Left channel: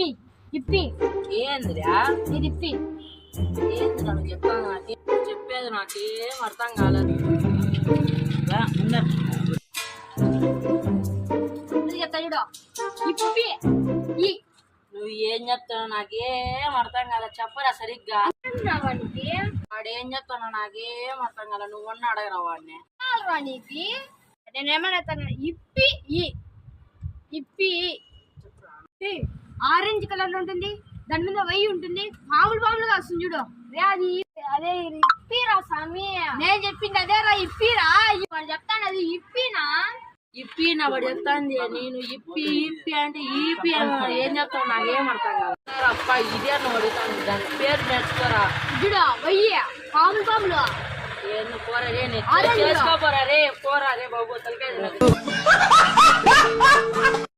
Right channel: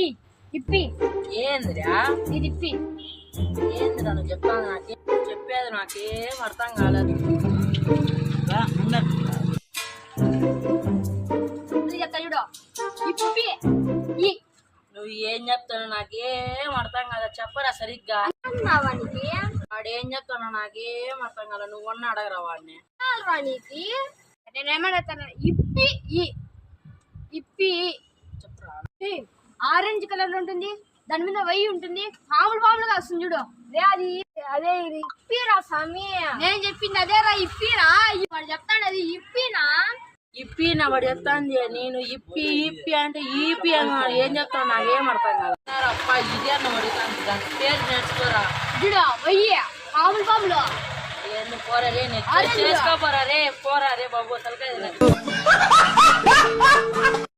ఇప్పి ఇప్పి ఏందిరా ఇది ఇప్పి ఏంది నన్ను చెప్పాను చెప్పేది నాకేం అర్థం కాలేదు. చెప్తా చూడు ఇప్పి ఈ నువ్వు ఏం చెప్తావు నాకేం అర్థం కాలేదు. చెప్పరా సరిగ్గా. వానికి వాడు ఏం చెప్తానో నాకేం అర్థం కాలేదు. నువ్వన్నా అడగరా వాడిని. వానికి నేనేమన్నా ఇప్పి ఈ ఇప్పి చెప్పురా. ఆరెంజ్ కలర్ లో ఉంటుంది, దాని మీద వై ఉంటుంది, మామూలుగా వస్తుంది చూడు రే అది అదే ఇప్పిరా స్వామి. నేను చెప్పింది అదే రా ఇప్పిరా. వాడు చెప్తాను అది ఇప్పినా ఇప్పి నా వాడు చెప్తాంది. నేను ఇప్పి ఇప్పి అంటే ఈపి అన్నాడు. ఏం చెప్తావు నాకేం అర్థం కాదు. అప్ప ఇదే అన్న అడుగుతాను. దాని పేరు నేర్చుకోరా. చూడు వయ్య మామూలు ఏంది పోరా రే చేసుకోపోరా రే పోరా రే బాబు తలకాయ